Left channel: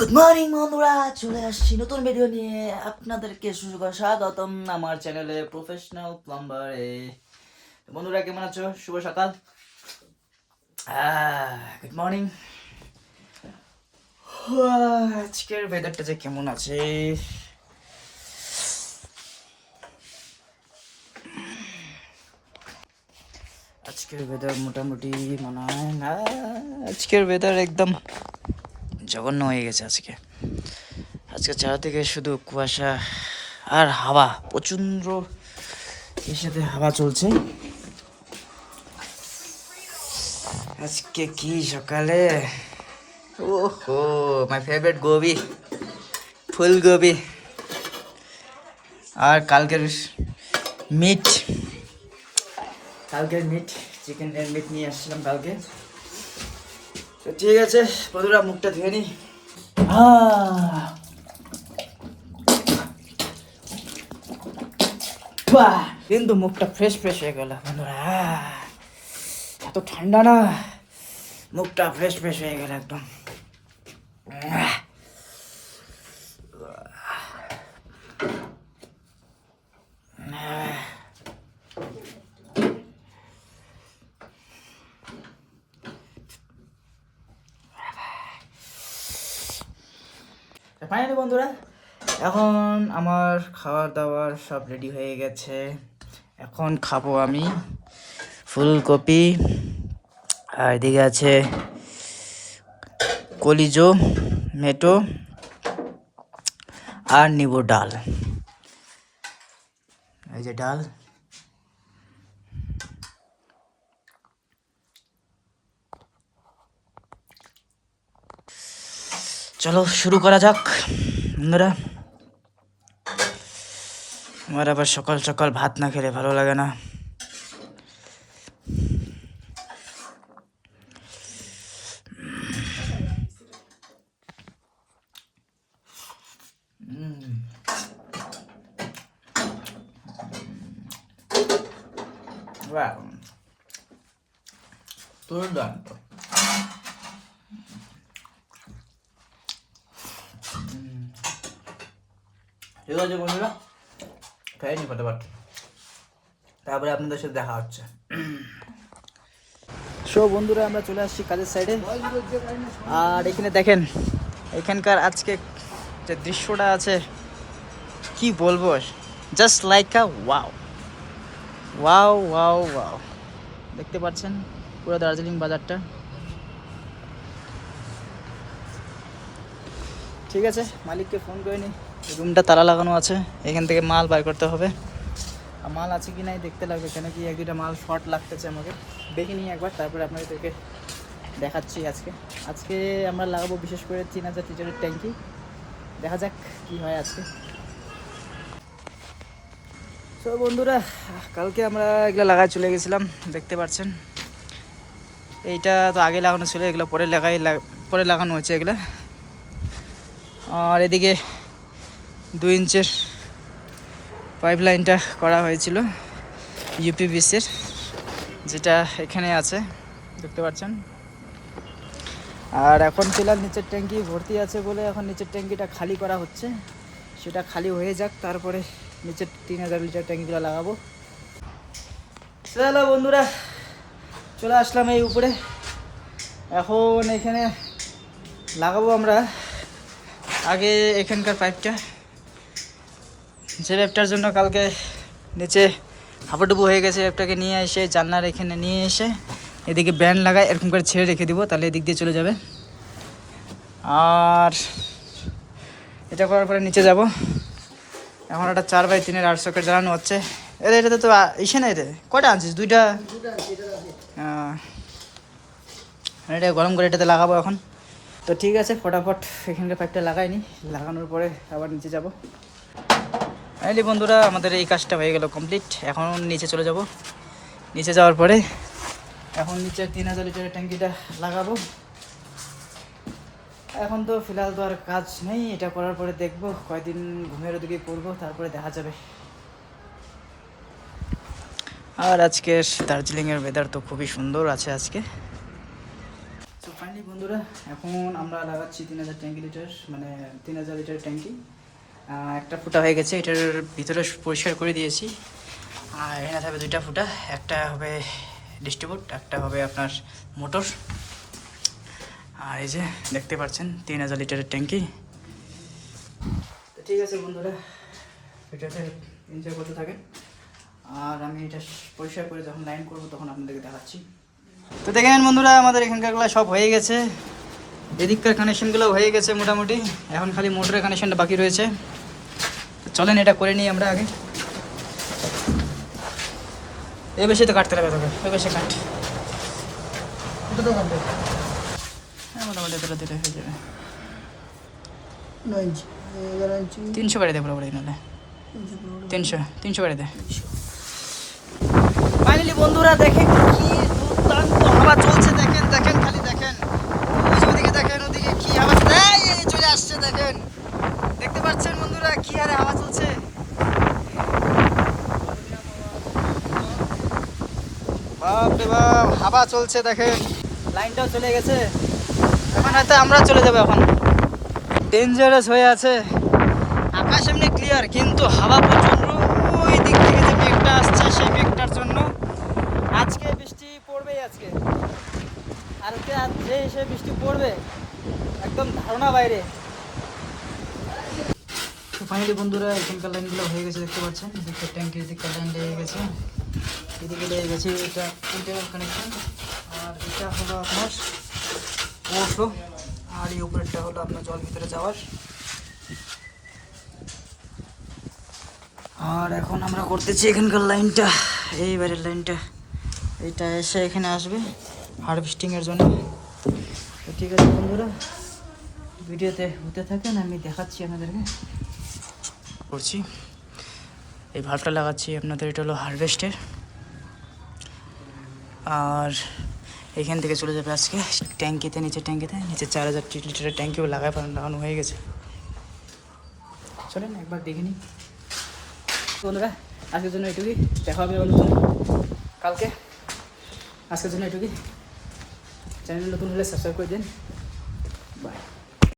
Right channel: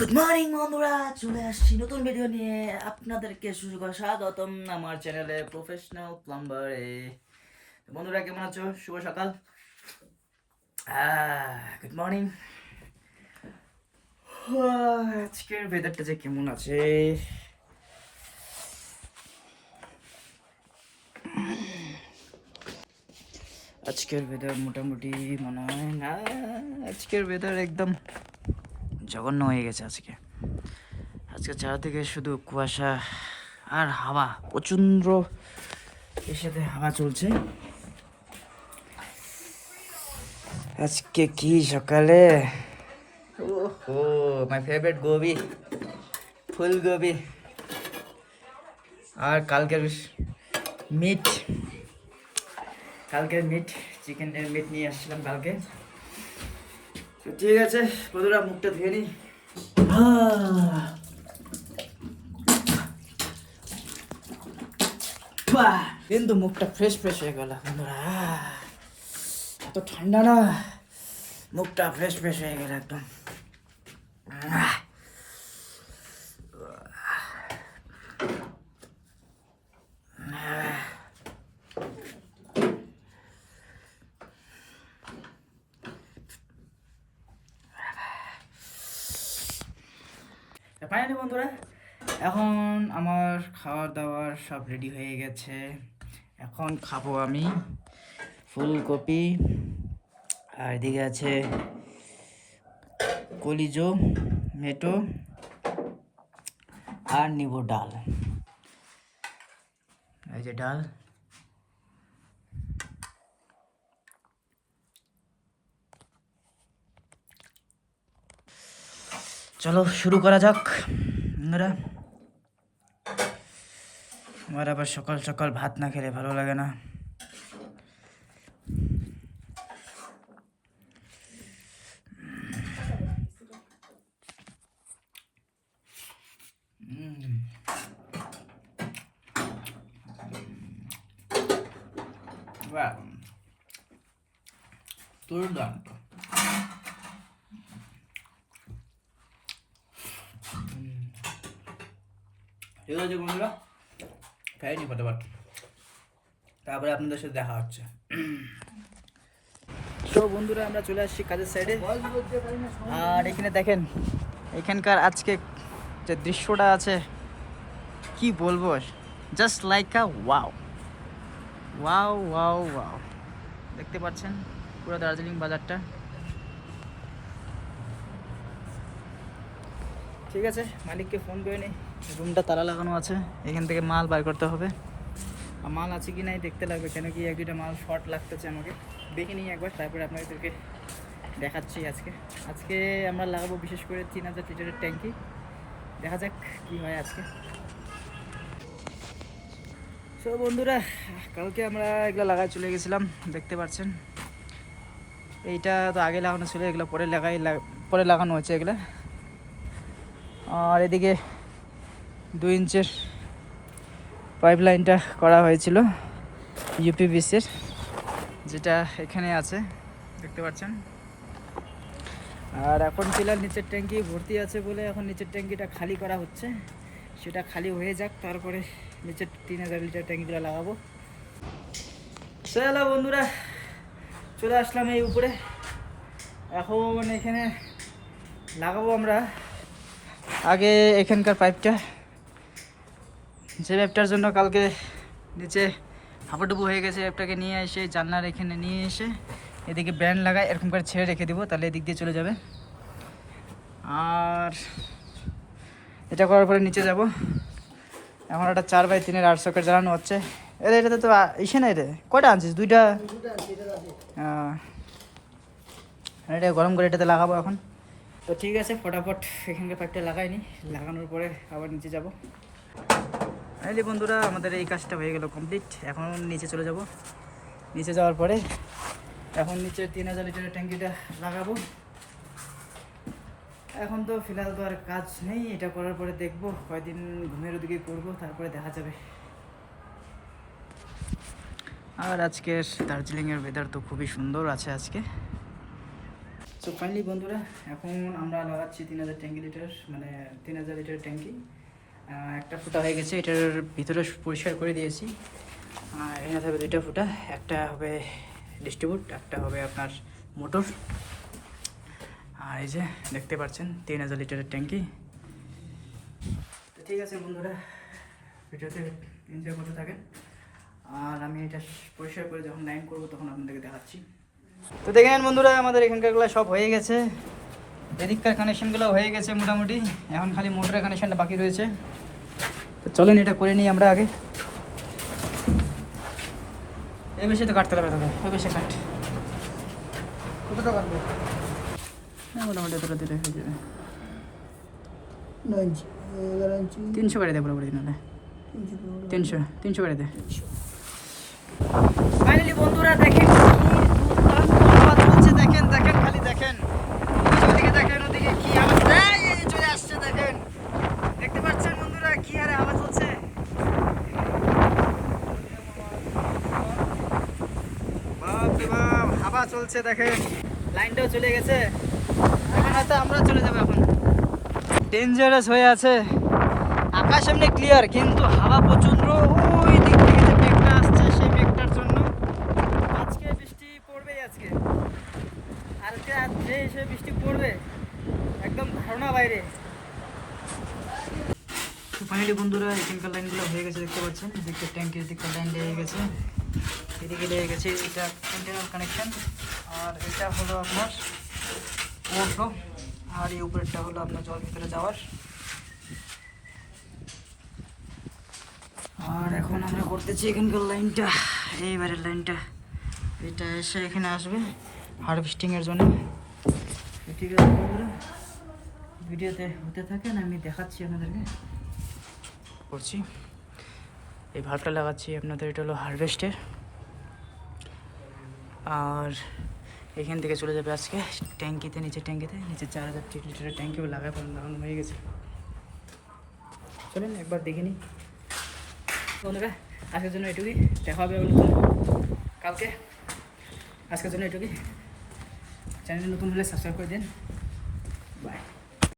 Good morning বন্ধুরা, চলে আসছি নতুন ভিডিও নিয়ে। আপনাদেরকে স্বাগতম আমার চ্যানেলে প্রফেশনাল প্লাম্বারে। বন্ধুরা কেমন আছো? শুভ সকাল, গুড মর্নিং। আজকের ওয়েদারটা যে কেমন আছে, আজকের ওয়েদার মোটামুটি মনে হয় না, আজকের ওয়েদার একদম জঘন্য হয়ে গেছে। আজকে চারদিকে শুধু কুয়াশা আর হাওয়া, প্রচন্ড এর সাথে হাওয়া চলছে। আজকে কি সকালে, ওহো মাই ফেভারিট গোবি, ফুলকপি আর কালকের মিট, চিকেনের মিট নিয়ে আসছিলাম কালকে। তো ঠিক আছে বন্ধুরা, মুখটা ধুয়ে নিই। কিন্তু মুখটা ফ্রেশ হয়ে গেল বন্ধুরা, এত ঠান্ডা না, মুখটা ফ্রেশ হয়ে গেল একদম। ফাইনালি বন্ধুরা, এখন আমার খাবার দাবার সব রেডি হয়ে গেছে। এখন খাবো আমি ফুলকপি, আর এদিকে আছে কলিজো, মেটো আর নিবুর ডাল। এই যে ডাল, চলো শুরু করা যাক বন্ধুরা। আমার আবার সকাল সকাল ভাত না খেলে ভালো লাগে না। দুর্দান্ত। ঠিক আছে বন্ধুরা, খাই নি ফটাফট, তারপরে আপনাদের সাথে দেখা হচ্ছে। সো বন্ধুরা, আমরা চলে আসছি কাজের সাইডে। আর এখানে দেখেন, এখানকার আজকে যে দৃশ্যটা আছে কি বলবো, জাস্ট লাইক আ ওয়াও ওয়াও ওয়াও ওয়াও। দেখতে পাচ্ছেন পুরো দার্জিলিং বাজারটা। ঠিক আছে, মালিককে ফোন করে নিই। রুমটা তালা লাগানো আছে, এখান থেকে মাল বার করতে হবে। আর মাল আছে কি নাই দেখতে লাগবে, কেন কি এক দুটা মাল শর্ট লাগতেছে আমাকে। দেখে নিই একবার, তারপরে আপনাদেরকে দেখাচ্ছি। আজকে আমরা লাগাবো বিশেষ করে 3000 লিটারের ট্যাঙ্কি। দেখা যাক কি হয় আজকে। সো বন্ধুরা, কালকে আমরা এগুলো লাগাই চলে গেছিলাম, দেখতে পাচ্ছেন। এইটা তো আগে লাগানো ছিল, এগুলো পরে লাগানো হয়েছে এগুলো। আর এদিকে 2 ইঞ্চের পাইপ লাইনটা করা হয়েছিল ইউপিভিসির, যেটা এখানে আছে দেখতে পাচ্ছেন। আর এখন ফিলহাল নিচের ট্যাঙ্কি ভর্তি আছে বলে এখন নিচের ট্যাঙ্কিটা খালি করা হচ্ছে। সেটা খালি হয়ে যাক, তারপরে নিচের 3000 লিটার ট্যাঙ্কিগুলো লাগাবো। চলো বন্ধুরা, চলে আসলাম এই উপরে। এখন এখানে লাগাবো আমরা আগে এখানকার পাইপটা, যে পাইপটার জন্য কালকে নিচে হাঁপুডুবু হয়ে গেছে। পাইপটাকে নিয়ে এসে জানলার এখানে নিয়ে এসে এদিকে ব্যান্ড লাগায় এরকম করে ছেড়ে রেখে দিব, তাহলে এদিক দিয়ে চলে যাবে। আর এটা করার পরে নিচে যাব। এখন একটা 4x3 8 সকেট জ্বালানো হচ্ছে। এটাতে তো ইসে নাই রে, কয়টা আনছিস? 2টা। এটা গরম করে এটাতে লাগাবো এখন। তো ঠিক আছে, ফটাফট এখানকার পাইপটা লাগাইনি, লাগানোর পরে আবার নিচে যাব। ফাইনালি বন্ধুরা, আমাদের এই কাজটা হয়ে গেল কমপ্লিট। এখন নিচে চলে যাব। নিচে যাওয়ার পরে এখন নিচের 3000 লিটারের ট্যাঙ্কিটা লাগাবো। এখন তো ফিলহাল তো আর কাজ নেই, এটা করার পরে দেখবো কয়দিন ঘুমের ওদিকে করবো, তারপরে দেখা যাবে। আর আজকের দার্জিলিংয়ের ওয়েদার তো খুবই সুন্দর আছে আজকে। সো ফাইনালি বন্ধুরা, এখন আমরা লাগাচ্ছি 3000 ট্যাঙ্কি লিটার, মানে 3000 লিটার ট্যাঙ্কি। একটা ফুটা হয়ে গেছে, এটার ভিতরে পরিষ্কার করে দিয়েছি। আর এখানে থাকবে 2টা ফুটা, একটা হবে ডিস্ট্রিবিউট, একটা হবে আপনার মোটর। আর এই যে দেখতে পাচ্ছেন 3000 লিটারের ট্যাঙ্কি। তো ঠিক আছে বন্ধুরা, এটাতে এনজয় করতে থাকেন। আর আমি এটা পরিষ্কার করে যখন লাইন করবো তখন আপনাদেরকে দেখাচ্ছি। তো দেখে নেন বন্ধুরা, আমাদের এখানকারগুলো সব হয়ে গেছে, এদিককার কানেকশনগুলো হয়ে গেছে মোটামুটি। এখন খালি মোটরের কানেকশনটা বাকি রয়েছে। তো চলেন এটা করে নিই আমরা আগে। এ বেশি তো কাটতে হবে তোকে, ওই বেশি কাট। হ্যাঁ মোটামুটি এতটা দিলে হয়ে যাবে। 300 করে দে পুরোপুরি, নাহলে 300 করে দে। ফাইনালি বন্ধুরা দেখেন কি হাওয়া চলছে, দেখেন দেখেন খালি দেখেন, ওদিকে দেখেন, ওদিকে কি হাওয়া চলে আসছে, দেখেন দেখতে পাচ্ছেন বন্ধুরা কি হারে হাওয়া চলছে। বাপ রে বাপ, হাওয়া চলছে দেখেন, লাইনটাও চলে গেছে। এখন হয়তো আমরা চলে যাবো, এখন ডেঞ্জারাস হয়ে আছে। আকাশ এমনি ক্লিয়ার, কিন্তু হাওয়া প্রচন্ড। ওই দিক থেকে যে মেঘটা আসছে, সেই মেঘটার জন্য আজকে বৃষ্টি পড়বেই আজকে। আর যে সে বৃষ্টি পড়বে একদম ধারণা বাইরে। তো ফাইনালি বন্ধুরা, এখানকার লাইনগুলো হয়ে গেছে, দেখতে পাচ্ছেন এদিকে ট্যাঙ্কির দিককার লাইন লেগে গেছে, এদিকে লেগে গেছে এটা ইন্টারনাল কানেকশন। আর এটা হলো আপনার ওভারফ্লো, আর এই উপরেরটা হলো আপনার জল ভিতরে যাওয়ার। আর এখন আমরা করতেছি এখানকার লাইনটা, এইবারের লাইনটা, এইটা এসে এখানে আসবে হারভেস্টিংয়ের জন্য। তো ঠিক আছে বন্ধুরা, ভিডিওতে হতে থাকেন, আমি দেখাচ্ছি আপনাদেরকে করছি। এই ভাল্বটা লাগাচ্ছি আপনাদের, এটা হলো হারভেস্টের। আর এখান থেকে চলে যাবে আজকে ট্যাঙ্কিতে, নিচে 4000 লিটারের ট্যাঙ্কিও লাগানো হয়ে গেছে। চলুন একবার দেখে নিই বন্ধুরা। আজকের জন্য এটুকুই, দেখা হবে নতুন কালকে। আজকের জন্য এটুকুই, চ্যানেলে নতুন হলে সাবস্ক্রাইব করে দিন। বাই।